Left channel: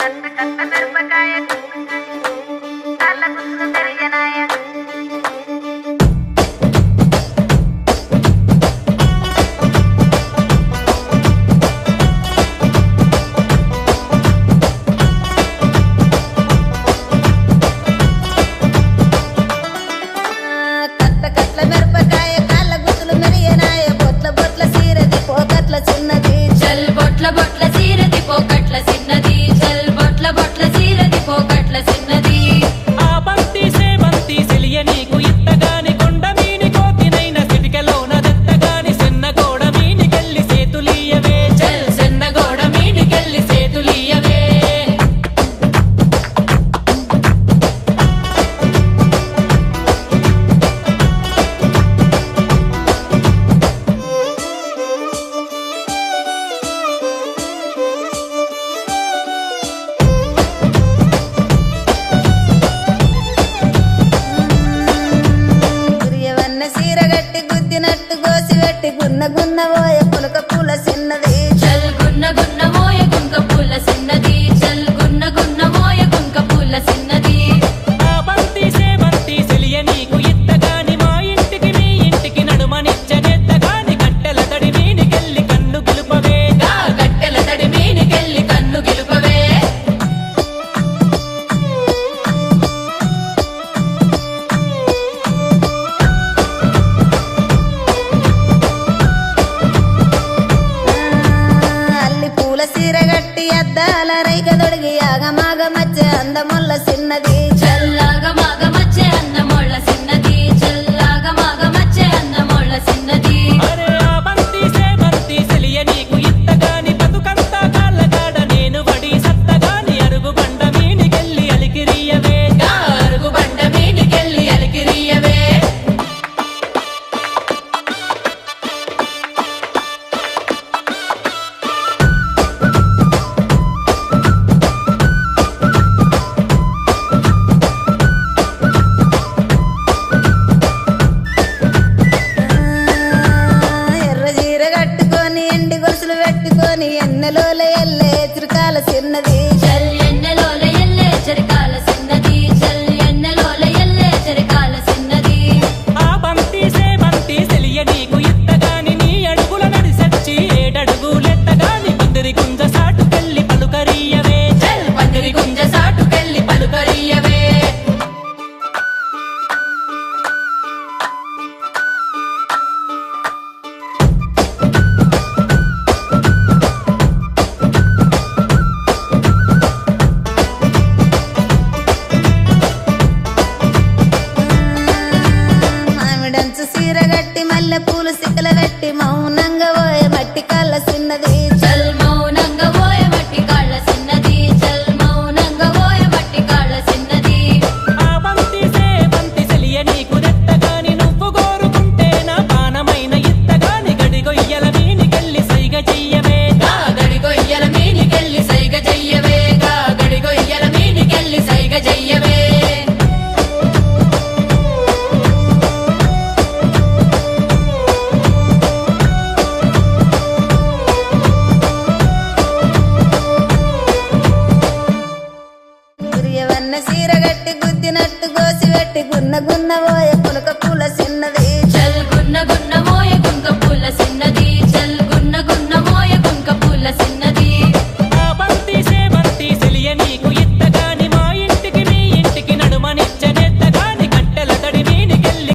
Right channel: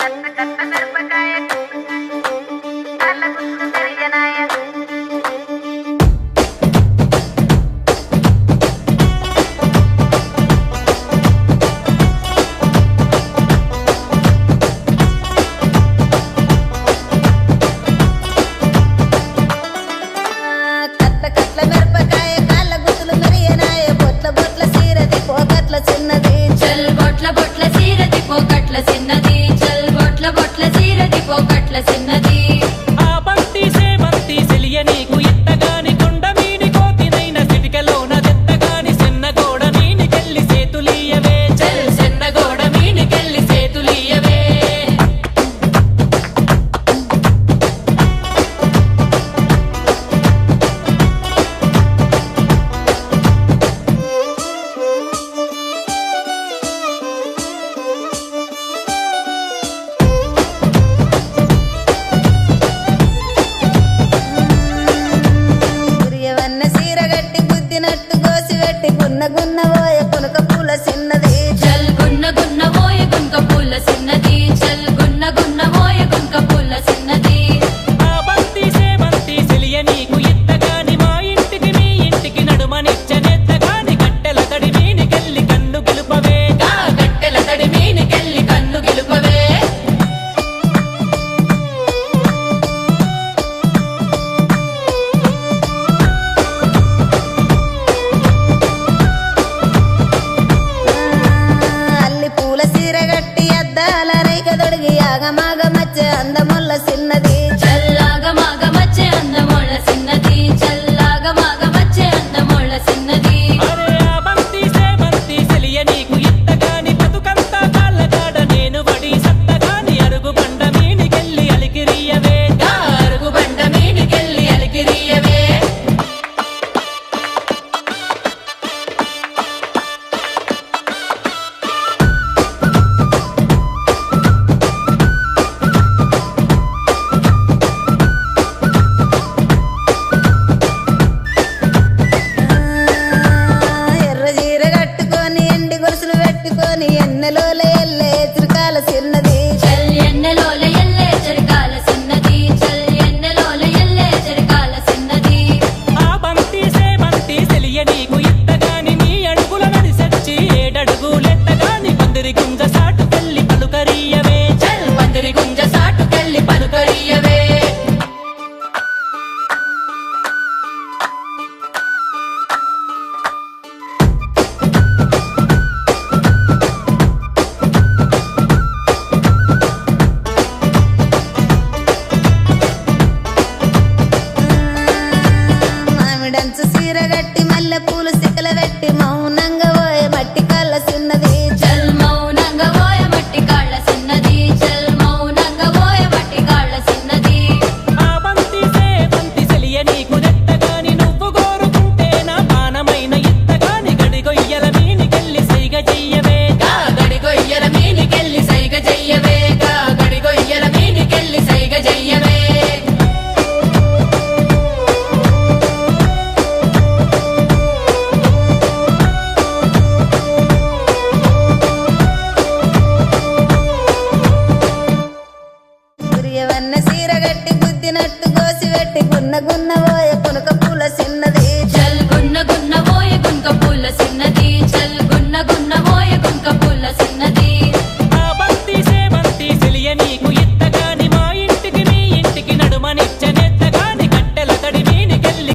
కట్ట కట్ట మిరపకాయ కళ్ళ గుర్తులు పెరిగినాయ కట్ట కట్ల మిరపకాయ కళ్ళ గుర్తులు మెరియనాయ బొట్ల బొట్ల సీరది పోకట్ల చిన్నది చల్ బొట్ల బొట్ల సీరది పోకట్ల చిన్నది చల్ బొట్ల బొట్ల సీరది పోకట్ల చిన్నది ఆ బంతి సేవంతి సెలియ నీకు ఇత్తగాని కొండ మీని కోతినైన సిటికలోన దెత్తగాని సెన్నగోడ మీనికెళ్ళి సేతులీయవే చల్ సెన్నగోడ మీనికెళ్ళి సేతులీయవే గురియవన్న సీరగట్టి గుద్దినట్టు గోసి పెట్టి గున్న గున్న పోయ పులక పూల చిన్నది చల్ గున్న గున్న మోయ గుంక పూల చిన్నది చల్ గున్న గున్న మోయ గుంక పూల చిన్నది ఆ బంతి సేవంతి సెలియ నీకు ఇత్తగాని మా ఇంటికి మీ ఇంటికి నడుమనిచ్చనెత్తగాని కట్టెల తడి మీనికెళ్ళి కన్ను గెలుపవే గా కట్టెల తడి మీనికెళ్ళి కన్ను గెలుపవే అల్లి పూల సీరగట్టి అద్దాల రైక దొడిగి ఆగమాగ మధ్య అందముల్ల చిన్నది చల్లాగ మాగ మచ్చే అందమోళ్ళ చిన్నది చల్లాగ మాగ మచ్చే అందమోళ్ళ చిన్నది అరే ఆ బంతి సేవంతి సెలియ నీకు ఇత్తగాని బతుకంతా కాళ్ళగాడ నేను వడి సత్తగాని అరుగు బండ మీనికెళ్ళి అలికిరియవే గా అరుగు బండ మీనికెళ్ళి అలికిరియవే ఎర్ర చీర కట్టుకొని ఎండి గొలుసులు పెట్టుకొని ఎన్నెలోల ఎల్లే చురకాల చిన్నది చల్ ఎండలోల ఎల్లే చెరకాల చిన్నది చల్ ఎండలోల ఎల్లే చెరకాల చిన్నది ఆ బంతి సేవంతి సెలియ నీకు ఇత్తగాని నీ అడుగుల నడిసచ్చి ఏడడుగులెత్తగాని పందిరి గుంజ సాటుకెళ్ళి పలుకరియవే చల్ పందిరి గుంజ సాటుకెళ్ళి పలుకరియవే మామిడంచు సీర గట్టి మల్లె పూలు సిక్కల పెట్టి మౌనంగా పోయే మట్టి కళ్ళ చిన్నది చల్ మౌనంగా పోయ మట్టి కాళ్ళ చిన్నది చల్ మౌనంగా పోయ మట్టి కాళ్ళ చిన్నది ఆ బంతి సేవంతి సెలియ నీకు దెత్తగాని నువ్వు కోరుకుంటే నా పానమైన ఇత్తగాని గడిగొయ్యల మీనికెళ్ళి సైగ చెయ్యవే గా గడిగొయ్యల మీనికెళ్ళి సైగ చెయ్యవే గా గడిగొయ్యల మీనికెళ్ళి సైగ చెయ్యవే గురియవన్న సీర గట్టి గుద్దినట్టు గోసి పెట్టి గున్న గున్న పోయే పులక పూల చిన్నది చల్ గున్న గున్న మోయ గుంక పూల చిన్నది చల్ గున్న గున్న మోయ గుంక పూల చిన్నది ఆ బంతి సేవంతి సెలియ నీకు